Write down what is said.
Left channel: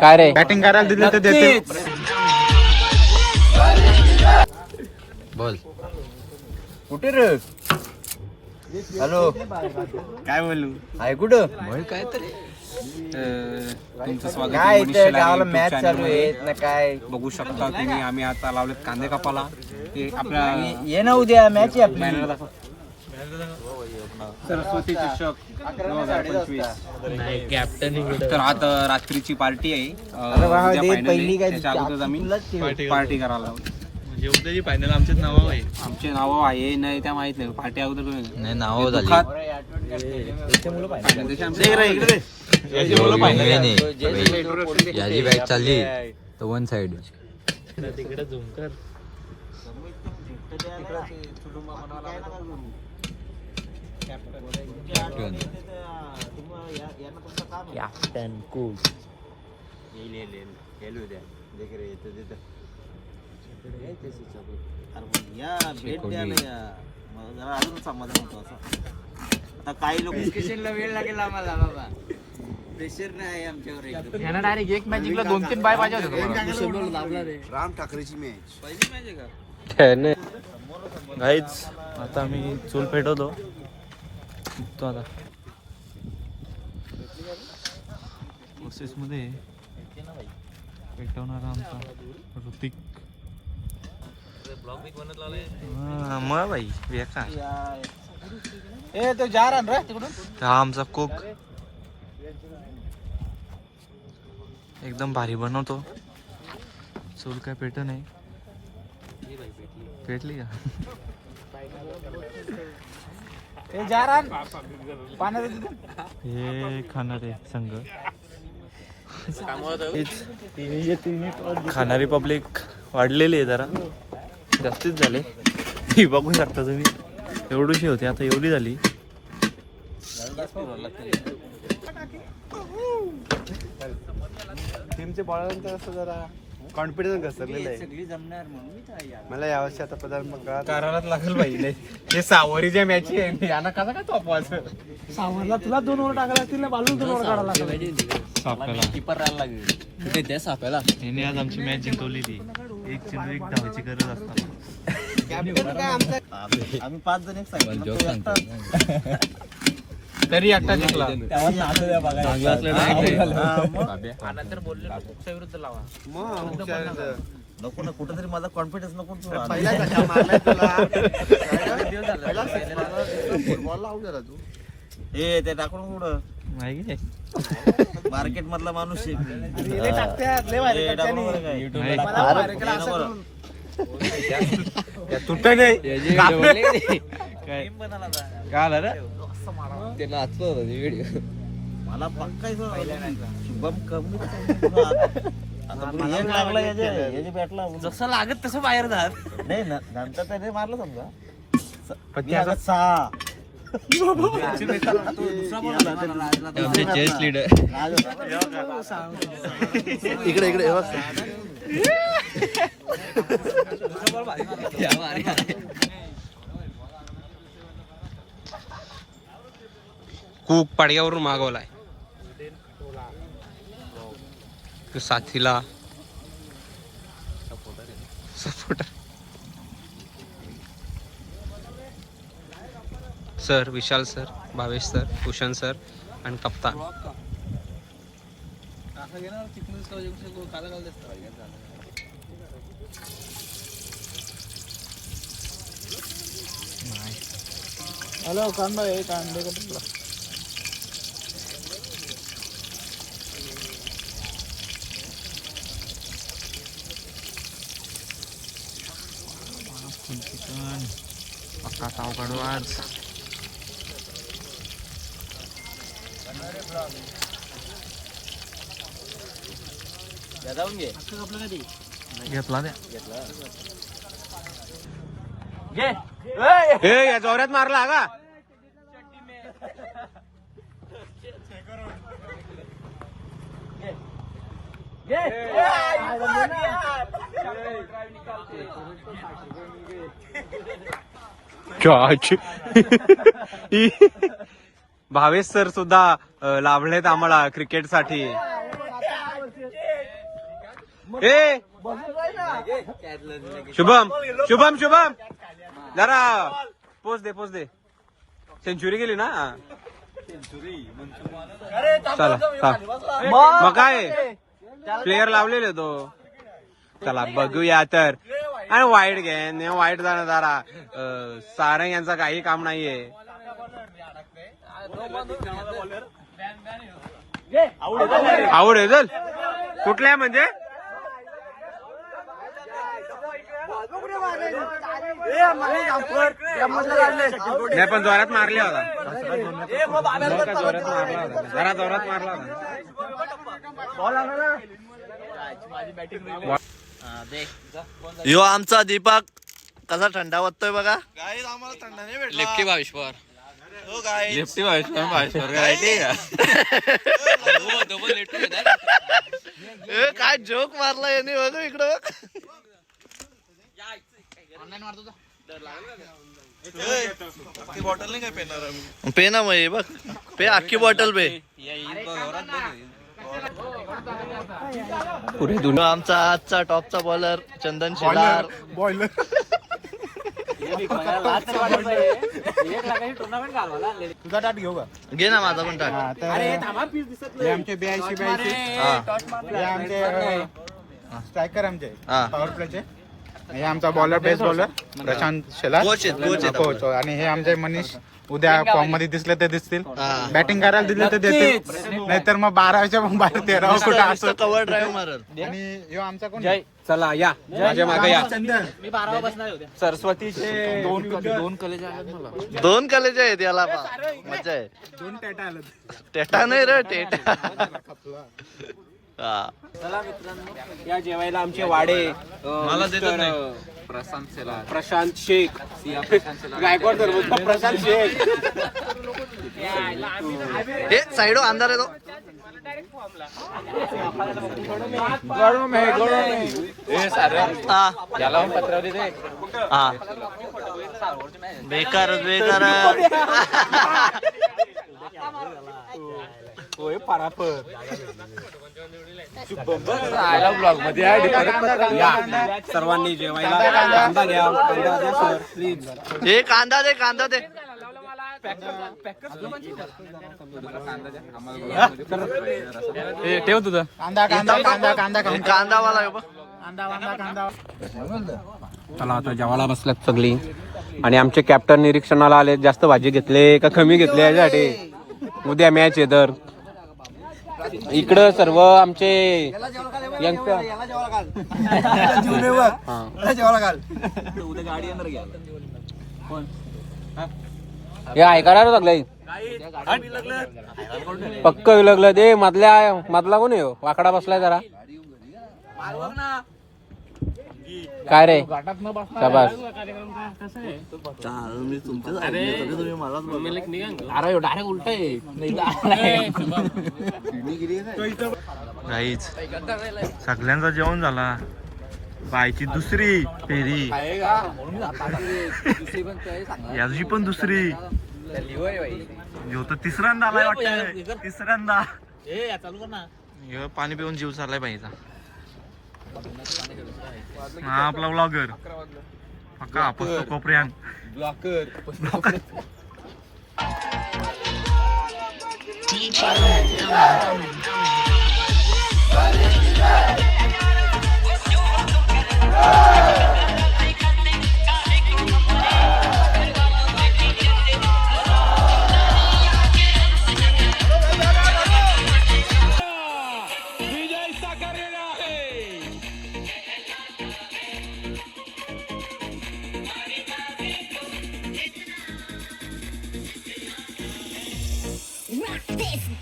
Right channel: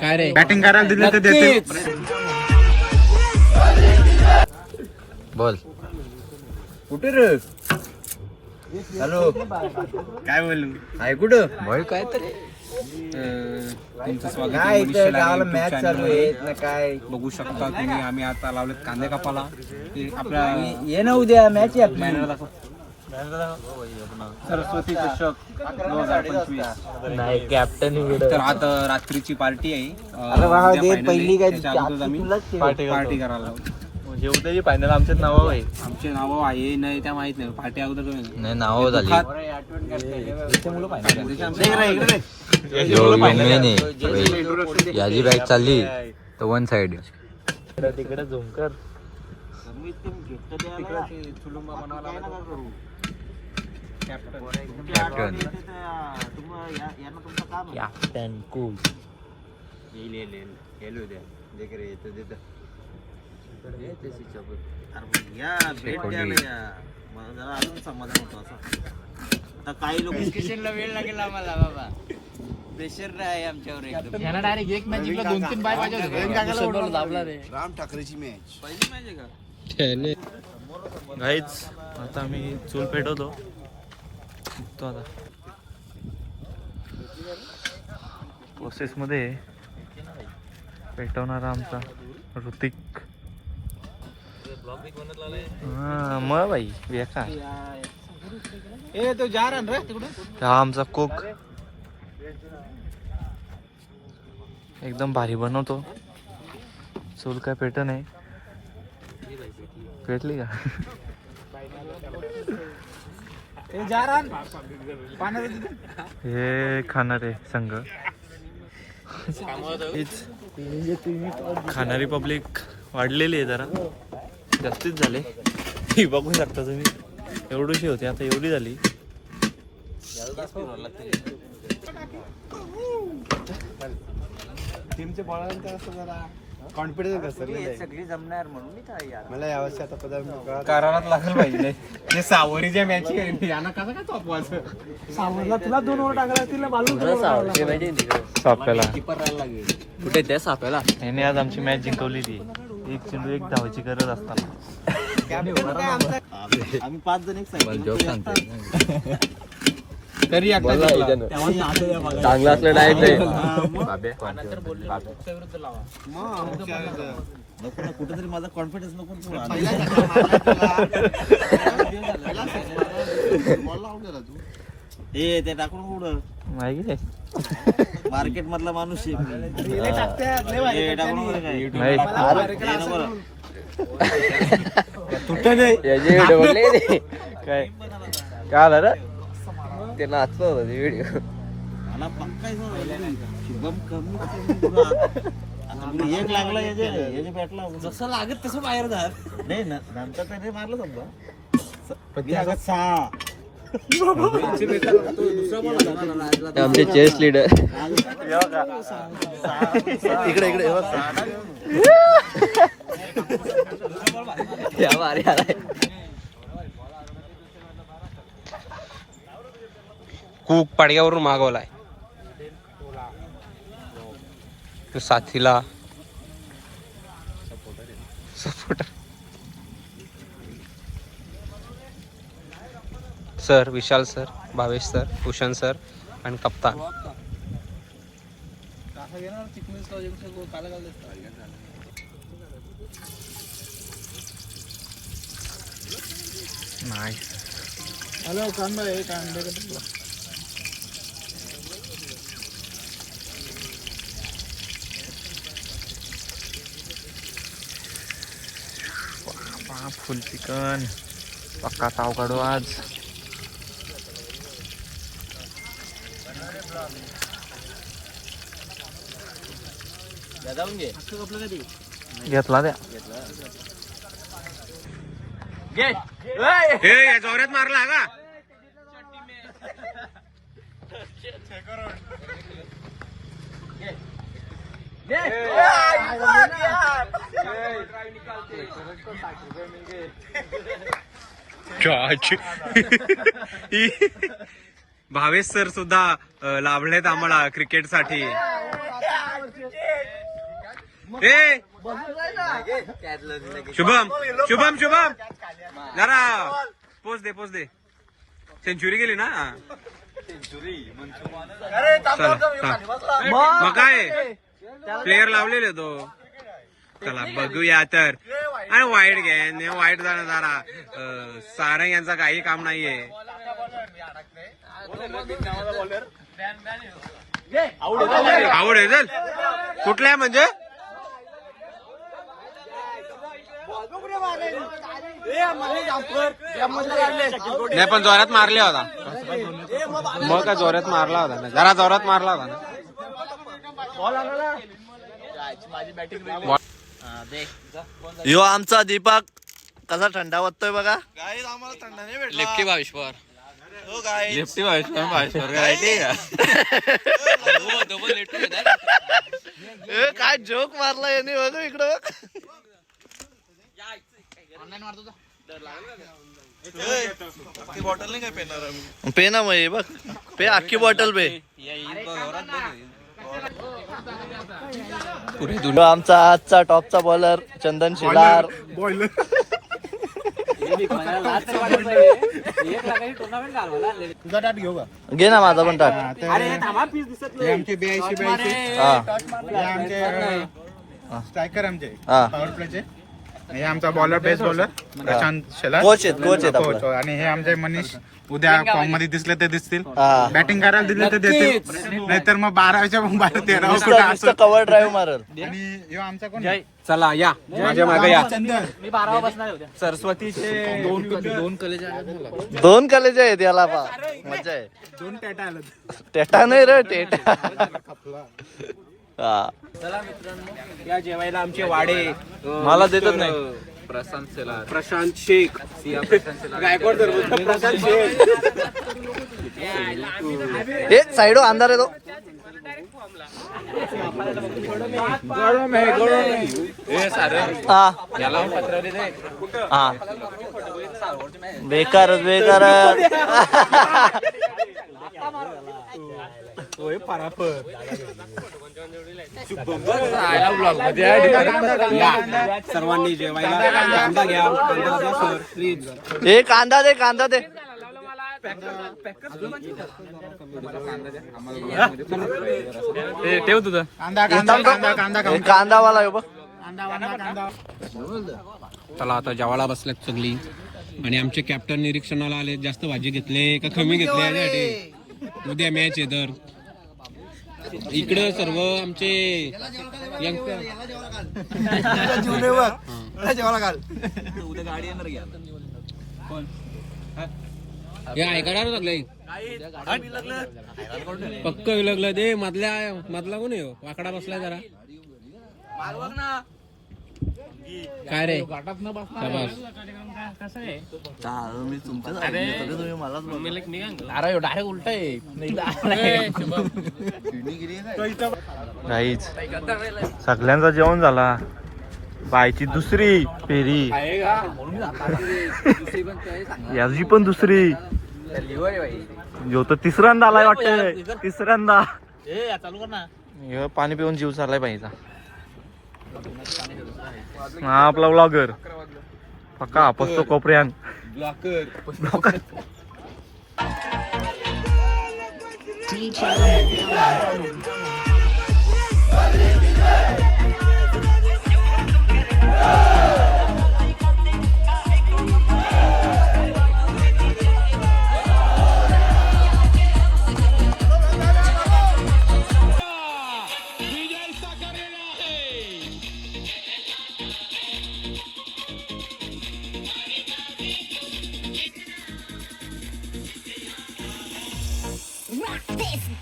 काय रे बॅटिंग करायला दिलं तर देते. बोल कुठे रे? हॅलो काय बोलू आहे कुठं? बोल काय तरी. तुमचं स्वागत काय आहे इथे मनीष शेलार गावाला YouTube मॅच channel चालू मध्ये. आहे ना काय? बघू शकता तुम्ही आम्ही आता लावलेत कांदे कापाला. ते आपल्या ये ना उद्या मॅच आहे आपली. बॅनर दाखव. सरस्वती चषक 2025. नाही कॅप्टन तर आता रात्रीची पार्टी आहे. अरे वा, उद्या दे final आहे. पहिली काय त्याच्या अगोदरच आम्ही पार्टी करायला लावली. म्हणजे उद्याची फायनल आमच्याच नाव आहे. आमचे नाव आहे नाही त्या माहित नाही. पार्टी अगोदर कळलं. नाही नाव झाली दुखात. final त्याच्या आमच्या- इकडे रे, इकडे रे. याची बॅट चालली तर वन साइड तिकडे झूम कर. कॅप्टन कॅप्टन कूल काही लोकेशनला वेळ लागेल आम्हाला बाबा. प्रेशर नाही आमच्यावर एकदम. यांना डायरेक्ट एक मॅच जिंकला 2-3 बाय पाहिजे होते. राम ठाकरेची मॅच पहिली माहिती आहे का? गाईच आता आम्ही चूल पेटवतो तो आता प्रोसेस मध्ये पेटवणारा आमचा ऋतिक. हा, मग भाई बेकार. हा आमचा कोक एकदम भारी बनवतो. चूल काय पेट नाही. पेटली का? हे खाणारे संघ खाणारी पब्लिक वाढलेली आहे जरा जास्तीच झाले. ही बघू शकता तुम्ही एवढीशी होती आता एवढी झाली. टीमच्या बॉलांचं असं जरा कॉन्फिडन्स घसरलेलं आहे. सगळी जमणार म्हणून मला यावर्षी आता पदार्थ करारात लागेल पाहिजे. ते सावरीच्या मॅच आहे. यांना कसा काय चॉपवायचं? तुला 2 ओव्हर टाकायला तिला बालून साप्याला कीपर राहायला लागेल. कुठे त्या साप्याला याने आज आमची मॅच जिंकवली ती. एक चेंडू एक धावाची गरज असतात. आम्ही 5 जण एक साईड तरी आता जिंकला. चांगला असलं डायरेक्ट नको ना कुठं तरी माझा कॉन्फिडन्स नको. हे ते टाकून कुठं माहिती मार्केट मधला माणूस आहे मी. तुट नाही काय काय आलं रे ते नाचत होत व्हिडिओ. मला पक्का शुभम कमी एक लागला याचे बॅटला जसं लागत तसं बाहेर जा. नाही ना नंतर त्याने मारलं समजा 6. आमचे चेस लीडर इकडे इकडे कूक पाडग्यावरून मागवलाय. साथीला supporter sir, Vishal sir, Bhavesh sir, Bhushan sir आणि कप्तान. हॅलो कांदा आहे कांदे का फुल चिकन पक्का ताव काढू आज. घेतला द्या या जोरात मारला का? भावेश सर सुद्धा लाभलेत आम्हाला क्रिकेटसाठी. ए शुभम शुभम शुभम जरा पोच दे. सेंचुरी गेली ना. चला मग काय प्लेयर लावलेले तो. चला बघूया तर. आणि वाईट घे वाईट जाणं जरा सारंग यांचा काही काम नाहीये. आवड आहे चल कुठल्या म्हणजे नाही पण जोरात मारले होता. मग का जोरात मारला होता जरा जोरात मारला होता. यो आमचा दीपक कसा थंडा वाटतोय बघा. आम्हाला थंडा नाही भेटला. लेफ्टी भावेश्वर लेफ्टी भावेश्वर काय जोक मारला याने बघ इकडं बघ. बॉटल नाही काय पेणार पे ना मग बघ पे अख्खी बॉटल पे. आमचा आजचा टॉपचा बॉलर चंदन शिलार. तुझा टाट घेऊ का? घे ना माझा पण टाट. आमचे 82 स्ट्रायकर आमचे हा पॉवर प्लेचे. हे आमचा bowler best bowler Prashant Shelar coach आहेत कोच. आणि हे आमचे मनीष उद्या फॉर्म मध्ये दिसले ते दिसतील. हा. बॅटिंग करायला दिले तर देतील नाहीतर मग 12च्या 13 कव्हर ड्राईव्ह मारल. आणि ह्यो आमचा कोण चला या माझ्या मागे या. चंदन सरस्वतीचे दोन कलेज आहेत मला. 2 कलेज आहेत याला पा मजा आहे. 2 टॅटा आलं. टेटा नाही रे टेटा. हा या जेवायला आमचे वाडे मला देतात नाही. प्रशांत शेलार प्रशांत शेख प्रशांत शेख. हे साइडो अंधार आहे तो. हा बेकार सर्वांनी जेवायला कांदा घ्या. कांदा द्या सर प्लीज. हे कांदा दे ठेव तुझं. कांदावाला आहे बघ. चला आता जेवायला बसल्यात सगळी. आणि आमचे कॅप्टन निरीक्षणाला आले. जास्त भाजी घेतले का कमी घेतले याच्यासाठी. उद्या मॅच आहे तर इकडं सर्व आमचे हे ऐकायला लागलंय पक्क लागलं दे. मधला कोण आहे वाकडा बसलाय जरा. काय रे शाबास. अरे डायरेक्ट उलट आहे. काहीच सगळ्यांचा जेवण झाला. बायची दुसरी फेरी याची पण दुसरी. जो तर तिसऱ्यांदा आलाय वाटत. तिसऱ्यांदा पाणी पिऊन जीव चाललाय पाहिजे. हा आपला व्लॉगर पक्का आपसतो कोपऱ्यान. This